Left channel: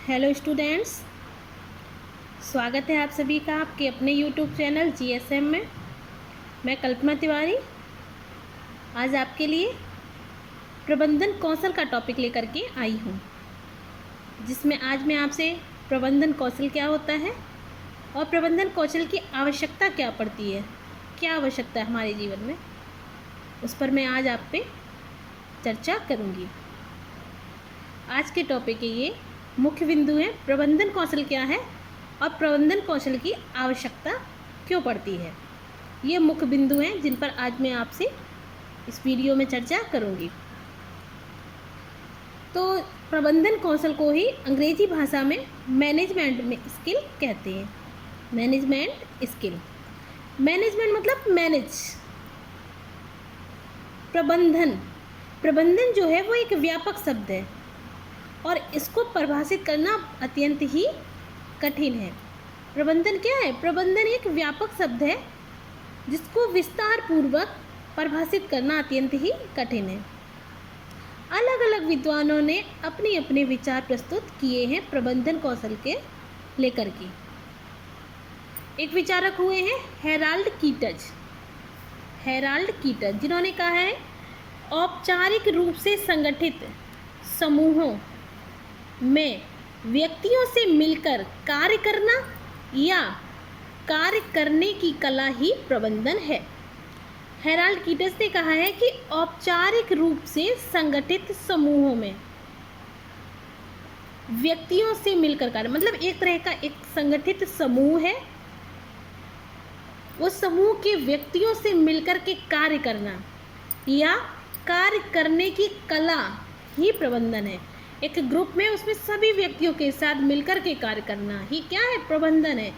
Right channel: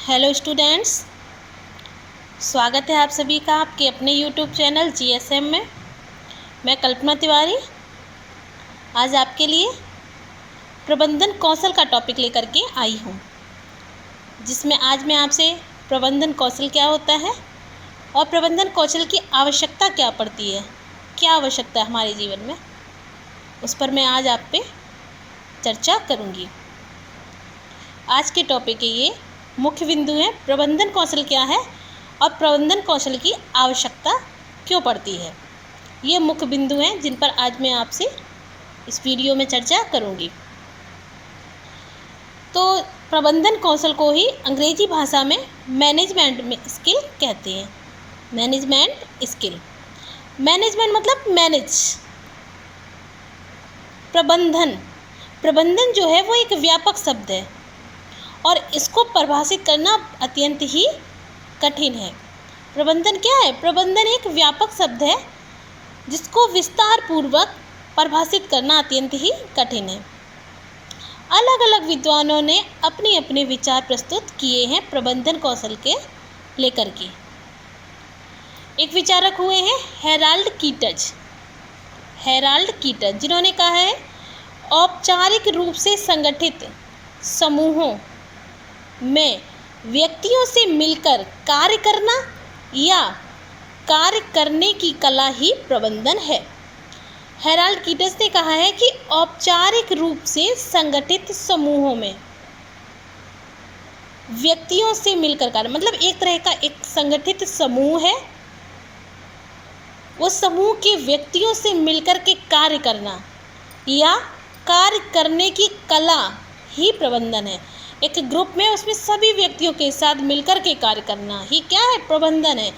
Hello students, स्वागत है आप सभी का आपके अपने यूट्यूब चैनल जीएसएम में। मैं कल्पना तिवारी आज आपके लिए प्रबंधन कौशल का टॉपिक लेकर के आई हूँ, जिसमें आज मैं आपसे प्रबंधन कौशल क्या होता है और प्रबंधन कौशल की आवश्यकता क्या पड़ती है, क्या आवश्यकता है हमारे जीवन में, उस पर मैं आज आप पे चर्चा करूँगी। आज के टॉपिक के ये मुख्य बिंदु हैं। प्रबंधन कौशल क्या है और प्रबंधन कौशल की आवश्यकता क्यों पड़ती है। ये मुख्य बिंदु हैं जिन पर आज मैं आपसे इस वीडियो में चर्चा करूंगी। तो प्रबंधन कौशल को ही अंग्रेजी भाषा में मैनेजमेंट में स्किल कहते हैं। मैनेजमेंट स्किल, मैनेजमेंट मतलब मैनेज। प्रबंधन जो है वो एक व्यापक शब्द है और इसको परिभाषित करना अत्यंत ही कठिन है। प्रबंधन क्या है? प्रबंधन एक व्यापक शब्द है जिसको विस्तार पूर्वक परिभाषित करना अत्यंत ही कठिन है। अलग अलग विद्वानों ने अपने अपने विचार प्रस्तुत किए हैं प्रबंधन कौशल के लेकर के। एक विचारक हुए हैं हेराल्ड कीटज, जिन्होंने कहा है औपचारिक रूप से संगठित समूहों में व्यक्तियों से मिलकर कार्य करना या कार्य करने की कला ही प्रबंधन है। हेराल्ड कीटस ने कहा है कि औपचारिक रूप से संगठित समूहों में व्यक्तियों से मिलकर कार्य, मतलब एक तरह का एक संगठित समूह है, उस समूह के व्यक्तियों से मिलकर के कार्य करना या कार्य करने की कला ही प्रबंधन है। एक ग्रुप में उसमें सभी व्यक्तियों के साथ मिलकर के कार्य करना ही क्या है? प्रबंधन है।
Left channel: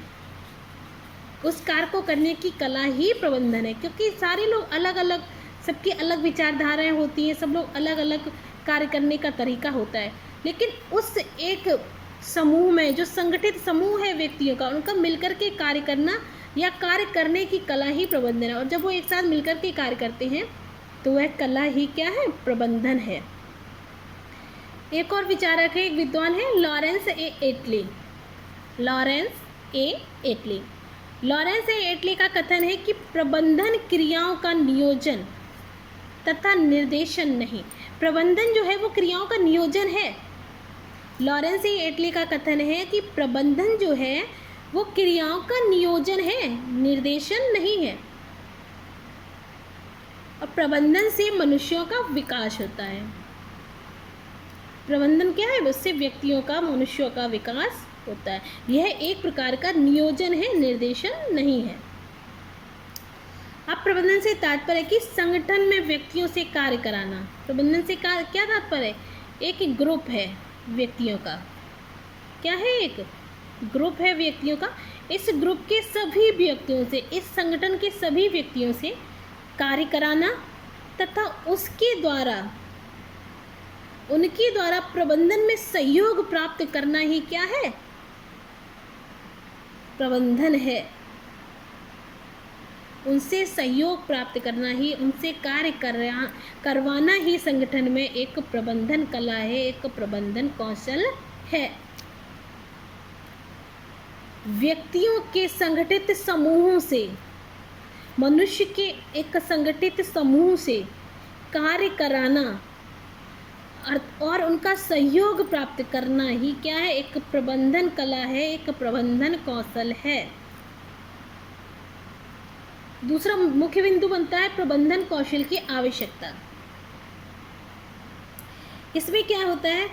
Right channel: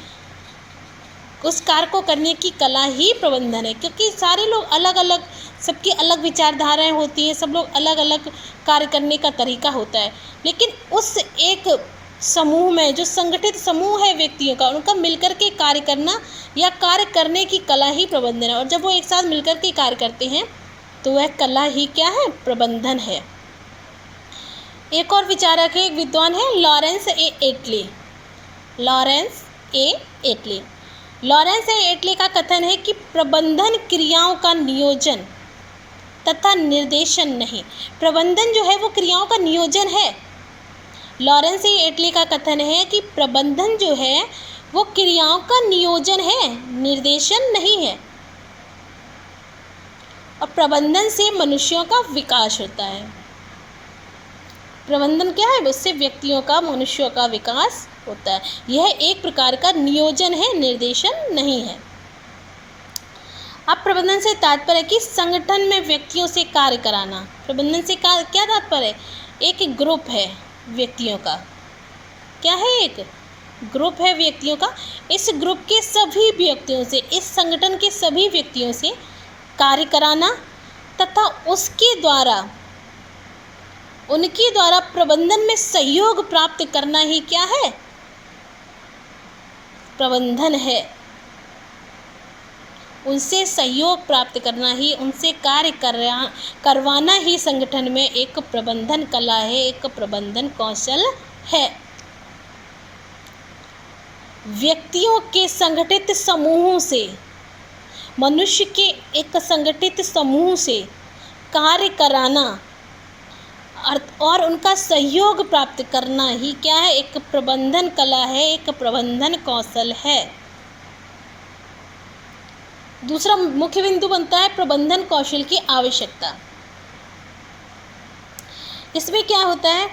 उस कार्य को करने की कला ही प्रबंधन है, क्योंकि सारे लोग अलग अलग, सबकी अलग विचारधाराएं होती हैं, सब लोग अलग अलग कार्य करने का तरीका होता है, लेकिन उस एक समूह में जो संगठित समूह है व्यक्तियों का, उनका मिलकर के कार्य करना या कार्य करने की कला ही प्रबंधन है। और जब वो एक साथ मिलकर के कार्य करते हैं तो वह कला ही क्या है? प्रबंधन है। एक और विचारक है, एक विद्वान है लॉरेंस ए एटली का कथन है कि प्रबंधन क्रियाओं का नियोजन तथा निर्देशन नहीं। प्रबंधन जो है वो क्रियाओं का नियोजन है। लॉरेंस ए एटली का कथन है कि प्रबंधन जो है वो क्रियाओं का नियोजन है, निर्देशन नहीं है। और प्रबंधन से मनुष्यों का विकास होता है। प्रबंधन क्या है? उससे व्यक्तियों का, मनुष्यों का विकास होता है। यह एक प्रकार का नियोजन है, निर्देशन नहीं है। अब प्रबंधन से तात्पर्य है कि संगठन में व्यक्तियों से कार्य कराना। प्रबंधन से क्या तात्पर्य है? एक ग्रुप है व्यक्तियों का, क्या है? एक ग्रुप है व्यक्तियों का। इस ग्रुप के सभी व्यक्तियों से, इस संगठन के सभी व्यक्तियों से कार्य कराना तथा उनके द्वारा प्रबंधन में सहयोग प्राप्त करना ही क्या है? प्रबंधन है। उनसे सहयोग प्राप्त करना ही, उनसे कार्य करवाना ही संगठन में एक प्रबंधन कला है, एक प्रबंधन कौशल है। व्यक्तियों के संगठित समूहों से, मनुष्य के एक संगठित समूह से कार्य कराना और उनका सहयोग प्राप्त करना ही क्या है? एक प्रबंधन कला है, एक प्रबंधन कौशल है। दूसरा मुख्य बिंदु बनता है प्रबंधन कौशल की आवश्यकता। इसमें क्या होता है?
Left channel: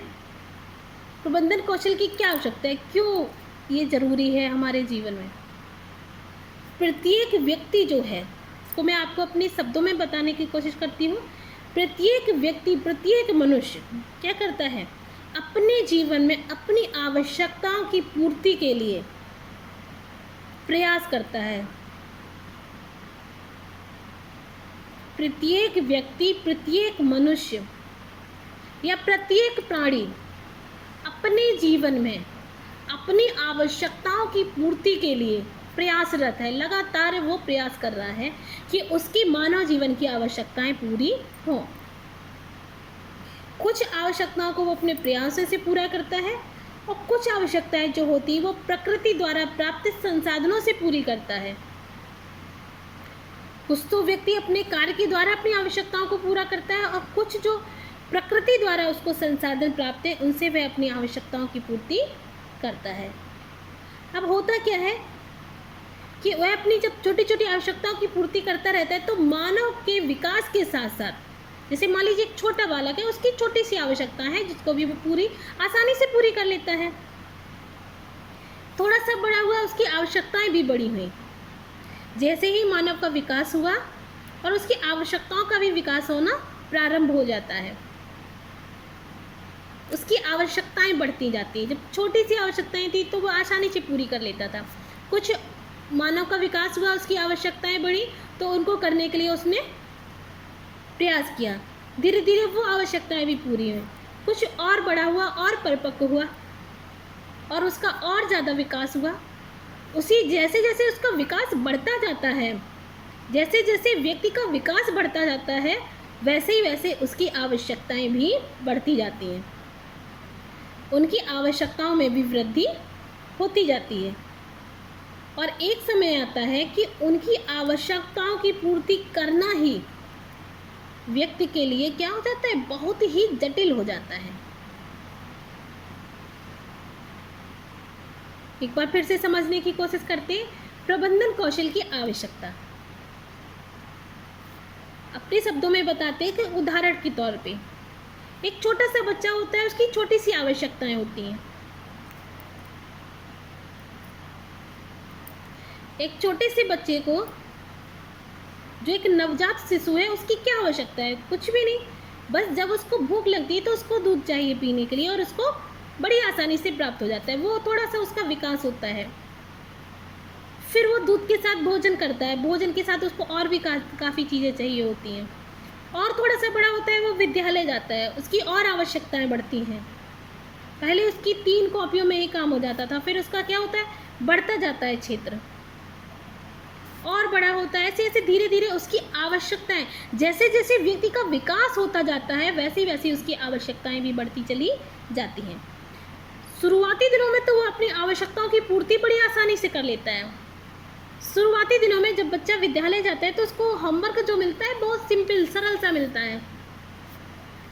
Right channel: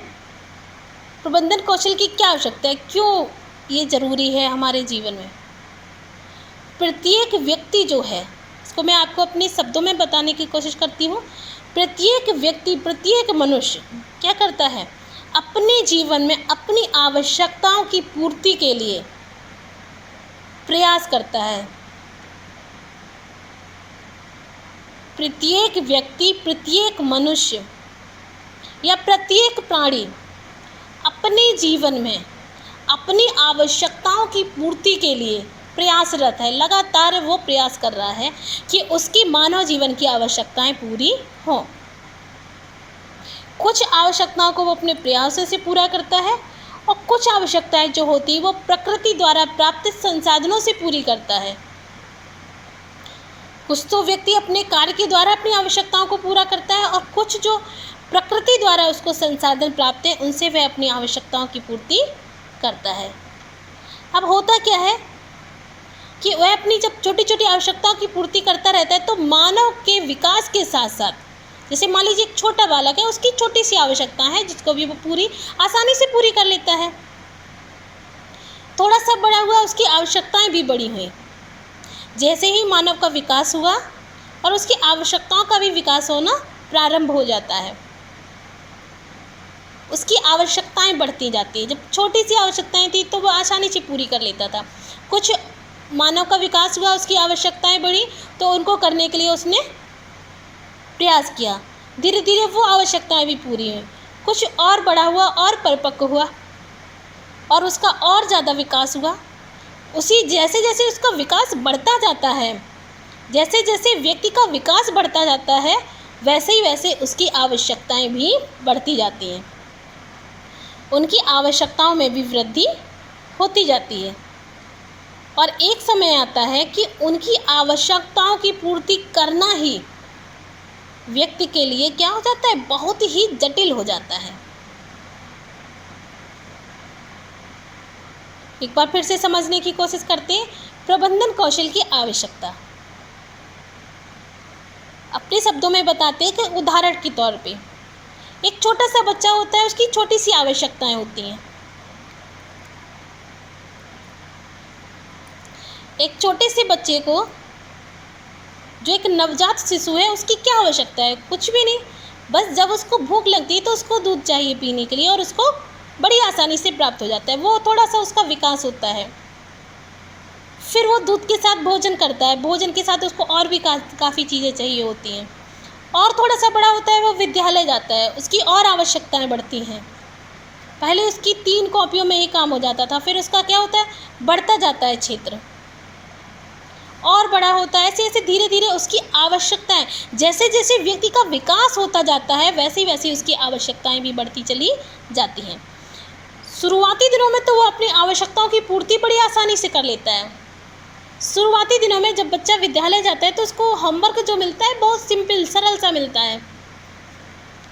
प्रबंधन कौशल की क्या आवश्यकता है, क्यों ये जरूरी है हमारे जीवन में? प्रत्येक व्यक्ति जो है, इसको मैं आपको अपने शब्दों में बताने की कोशिश करती हूँ। प्रत्येक व्यक्ति, प्रत्येक मनुष्य क्या करता है? अपने जीवन में अपनी आवश्यकताओं की पूर्ति के लिए प्रयास करता है। प्रत्येक व्यक्ति, प्रत्येक मनुष्य या प्रत्येक प्राणी अपने जीवन में अपनी आवश्यकताओं की पूर्ति के लिए प्रयासरत है। लगातार वो प्रयास कर रहा है कि उसकी मानव जीवन की आवश्यकताएं पूरी हों। कुछ आवश्यकताओं को वो अपने प्रयासों से पूरा करता है और कुछ आवश्यकताएं जो होती है वो प्रकृति द्वारा प्राप्त संसाधनों से पूरी करता है। कुछ तो व्यक्ति अपने कार्य के द्वारा अपनी आवश्यकताओं को पूरा करता है और कुछ जो प्रकृति द्वारा उसको संसाधन प्राप्त है उनसे वह अपनी आवश्यकताओं की पूर्ति करता है। अब होता क्या है कि वह अपनी जब छोटी छोटी आवश्यकताओं की पूर्ति करता रहता है तो मानव के विकास के साथ साथ, जैसे मान लीजिए एक छोटा बालक है, उसकी छोटी सी आवश्यकता है जिसको भी वो पूरी आसानी से पूरी कर लेता है। थोड़ा सा बड़ा हुआ, उसकी आवश्यकताएं भी बड़ी हुई। जैसे ही मानव का विकास हुआ और उसकी आवश्यकताओं का भी विकास होना प्रारंभ हो जाता है, उसकी आवश्यकताएं बढ़ती जाती है। जब छोटी सी आवश्यकताएं थी तो वो आसानी से पूरी कर लेता था। कुछ मानव का विकास हुआ, उसकी आवश्यकताएं बढ़ी तो उनको करने के लिए उसने प्रयास किया। धीरे धीरे वो आवश्यकताएं भी पूरी हुई। कुछ और बड़ा हुआ और परिपक्व हुआ और उसका और ज़्यादा विकास हुआ। उसी जैसे जैसे उसका विकास बढ़ता जाता है, जैसे जैसे व्यक्ति का विकास बढ़ता जाता है, वैसे ही वैसे उसकी आवश्यकताएं भी बढ़ती जाती हैं। उनकी आवश्यकताओं में भी वृद्धि होती जाती है और एक समय आता है कि उनकी आवश्यकताओं की पूर्ति करना ही व्यक्ति के लिए क्या हो जाता है, बहुत ही जटिल हो जाता है। एक बार फिर से समझने की कोशिश करते हैं। प्रबंधन कौशल की आवश्यकता अपने शब्दों में बताते हैं कि उदाहरण के तौर पे एक छोटा सा बच्चा होता है, उसकी छोटी सी आवश्यकताएं होती हैं। एक छोटे से बच्चे को, जो एक नवजात शिशु है, उसकी क्या आवश्यकता है? कुछ भी नहीं, बस जब उसको भूख लगती है तो उसको दूध चाहिए पीने के लिए और उसको बड़ी आसानी से प्राप्त हो जाता है। वो थोड़ा सा उसका विकास होता है, फिर वो दूध के साथ भोजन करता है, भोजन के साथ उसको और भी काफ़ी चीज़ें चाहिए होती हैं। और थोड़ा सा बड़ा होता है, वो विद्यालय जाता है, उसकी और आवश्यकताएं बढ़ती हैं। पहले उसकी 3 कॉपियों में ही काम हो जाता था, फिर उसका क्या होता है, बढ़ता जाता है क्षेत्र और बड़ा होता है। ऐसे ऐसे धीरे धीरे उसकी आवश्यकताएं, जैसे जैसे व्यक्ति का विकास होता जाता है वैसे वैसे उसकी आवश्यकताएं भी बढ़ती चली जाती हैं। शुरुआती दिनों में तो वो अपनी आवश्यकताओं की पूर्ति बड़ी आसानी से कर लेता है। शुरुआती दिनों में जब बच्चा विद्यालय जाता है तो उसको होमवर्क जो मिलता है बहुत सिंपल सरल सा मिलता है।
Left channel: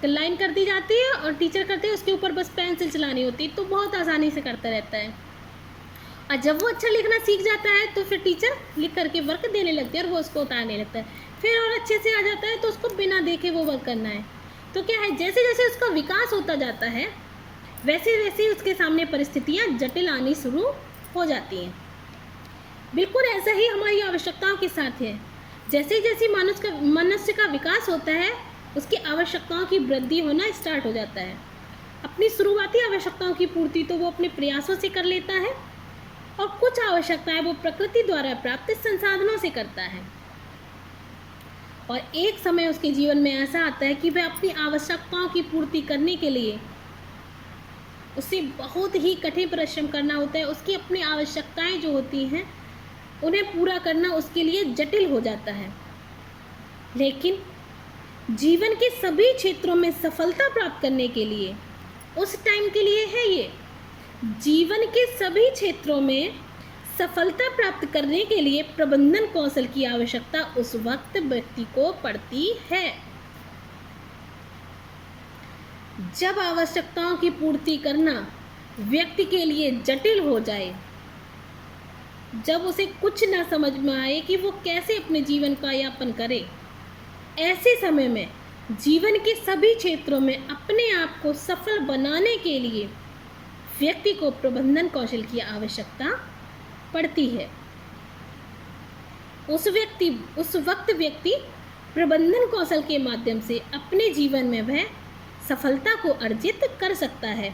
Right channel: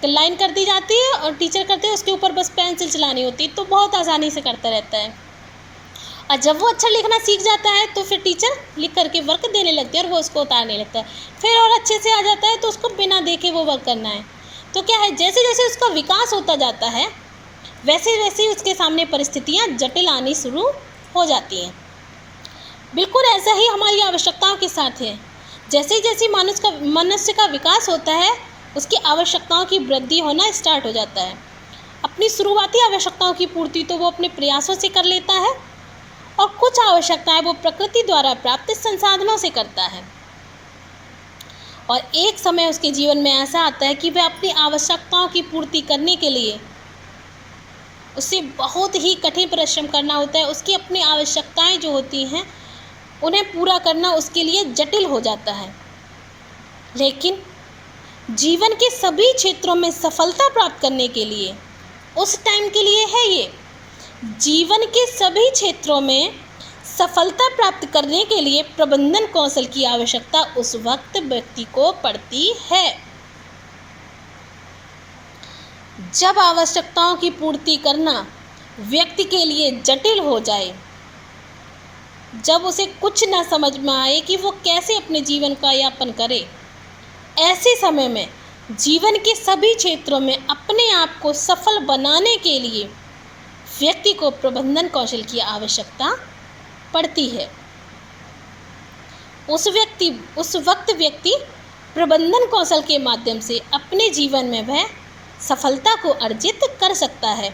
लाइन कर दी जाती है और टीचर करते हैं, उसके ऊपर बस पेंसिल चलानी होती है, तो बहुत आसानी से करता रहता है। और जब वो अच्छा लिखना सीख जाता है तो फिर टीचर लिख करके वर्क देने लगती है और वो उसको उतारने लगता है। फिर और अच्छे से आ जाता है तो उसको बिना देखे वो वर्क करना है। तो क्या है, जैसे जैसे उसका विकास होता जाता है वैसे वैसे उसके सामने परिस्थितियाँ जटिल आनी शुरू हो जाती हैं। बिल्कुल ऐसा ही हमारी आवश्यकताओं के साथ है। जैसे जैसे मनुष्य का विकास होता है उसकी आवश्यकताओं की वृद्धि होना स्टार्ट हो जाता है। अपनी शुरुआती आवश्यकताओं की पूर्ति तो वो अपने प्रयासों से कर लेता है और कुछ आवश्यकताएं वो प्रकृति द्वारा प्राप्त संसाधनों से करता है। और एक समय उसके जीवन में ऐसा आता है कि वह अपनी आवश्यकताओं की पूर्ति करने के लिए उसे बहुत ही कठिन परिश्रम करना होता है। उसकी अपनी आवश्यकताएं जो होती हैं उन्हें पूरा करना उसके लिए जटिल हो जाता है। लेकिन जीवन के सभी क्षेत्रों में सफलता प्राप्त करने के लिए, उस टाइम के लिए है ये, जीवन के सभी क्षेत्रों में सफलता प्राप्त करने के लिए प्रबंधन कौशल की आवश्यकता उस वक्त व्यक्ति को पड़ती है जब आवश्यकताओं की पूर्ति करना व्यक्ति के लिए जटिल हो जाए, जब उसे कुछ न समझ में आए कि वो कैसे अपने जीवन का यापन करे। ऐसे समय में जीवन के सभी क्षेत्रों में अपने आप को सफल बनाने के लिए व्यक्ति को प्रबंधन कौशल की आवश्यकता पड़ती है। उस वक्त व्यक्ति प्रबंधन कौशल के माध्यम से अपने जीवन में वह सफलता को अर्जित कर सकता है।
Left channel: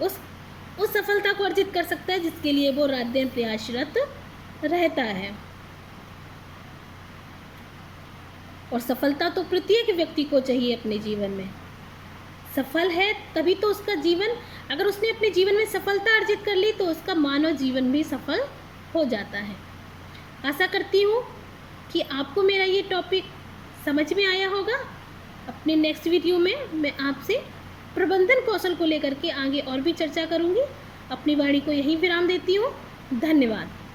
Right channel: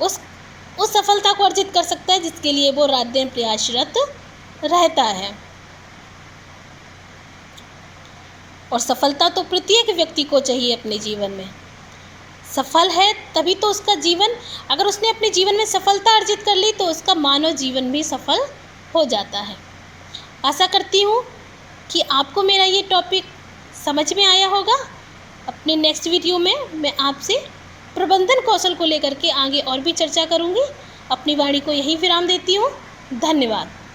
उस सफलता को अर्जित कर सकता है जिसके लिए वो रात दिन प्रयासरत रहता है। और सफलता तो प्रत्येक व्यक्ति को चाहिए अपने जीवन में। सफल है तभी तो उसका जीवन, अगर उसने अपने जीवन में सफलता अर्जित कर ली तो उसका मानव जीवन भी सफल हो जाता है। आशा करती हूँ कि आपको मेरा ये टॉपिक समझ में आया होगा। अपने नेक्स्ट वीडियो में मैं आपसे प्रबंधन कौशल को लेकर के आगे और भी चर्चा करूँगी। अपनी वाणी को यहीं विराम देती हूँ। धन्यवाद।